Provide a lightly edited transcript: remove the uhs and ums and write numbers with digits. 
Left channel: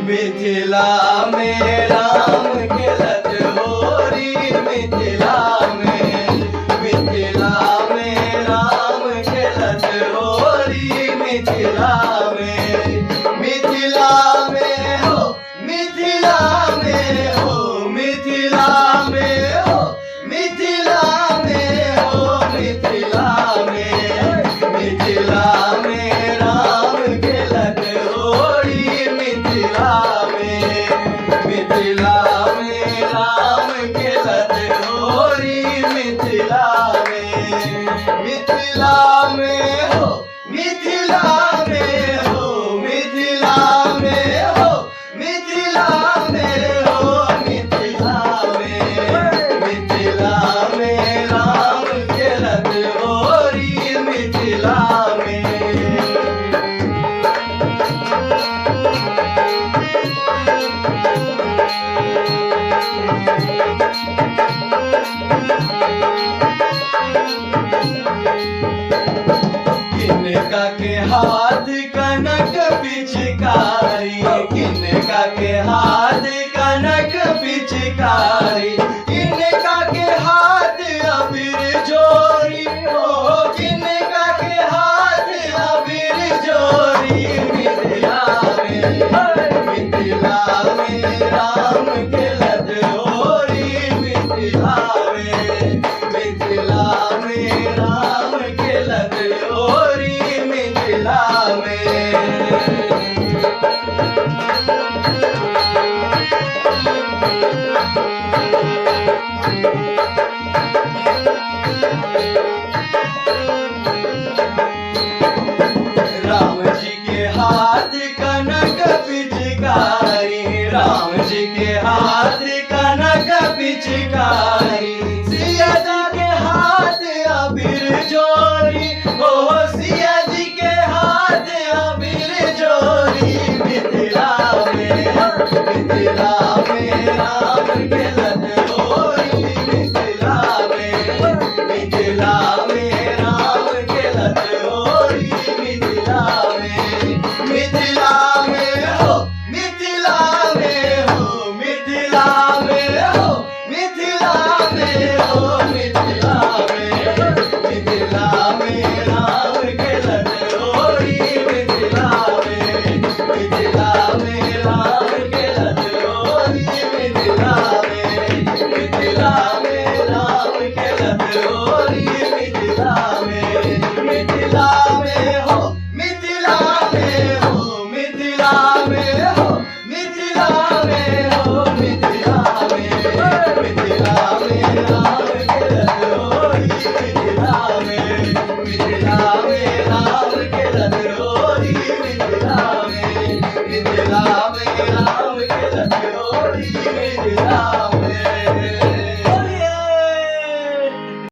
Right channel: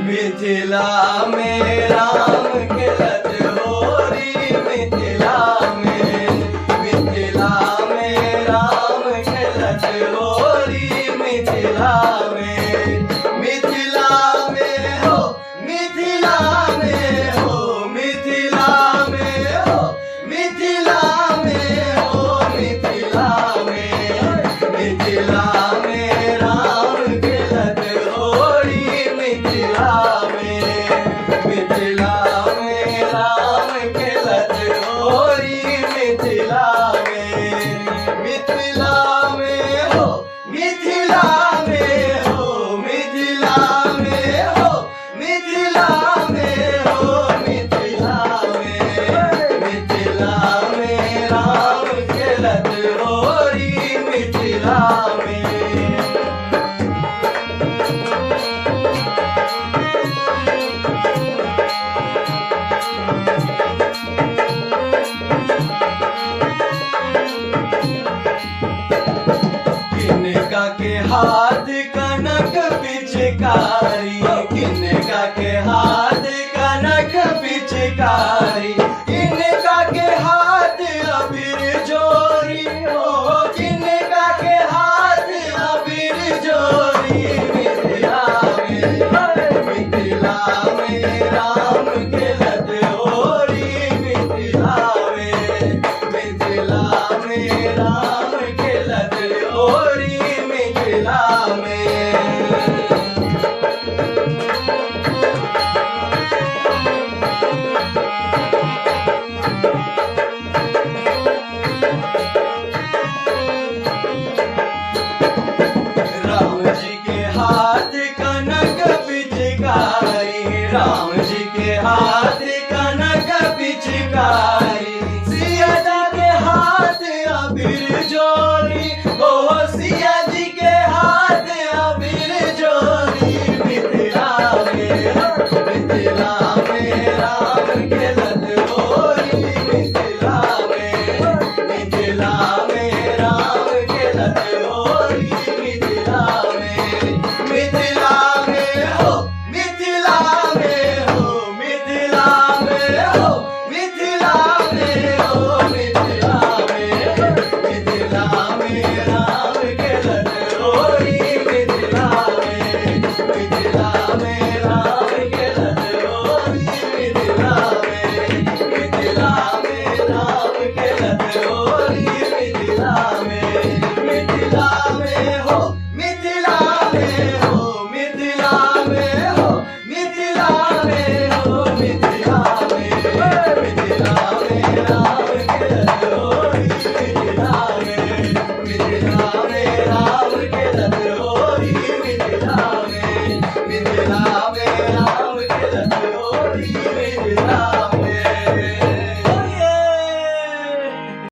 मिथिला में राम खेलत होरी, मिथिला में राम खेलत होरी, मिथिला में हो, मिथिला में हो, मिथिला में हो, मिथिला में हो, मिथिला में राम खेलत होरी, मिथिला में राम खेलत होरी, मिथिला में हो, मिथिला में हो, मिथिला में हो, मिथिला में हो, मिथिला में राम खेलत होरी, मिथिला में। किनका के हाथ कनक पिचकारी, किनका के हाथ कनक पिचकारी, किनका के हाथ अबीर जोरी हो, किनका के हाथ अबीर जोरी, मिथिला में राम खेलत होरी, मिथिला में राम खेलत होरी, मिथिला में। राम जी के हाथ कनक पिचकारी, राम जी के हाथ कनक पिचकारी, सिया जी के हाथ अबीर जोरी, ओ सिया जी के हाथ अबीर जोरी, मिथिला में राम खेलत होरी, मिथिला में राम खेलत होरी, मिथिला में हो, मिथिला में हो, मिथिला में हो, मिथिला में हो, मिथिला में राम खेलत होरी, मिथिला में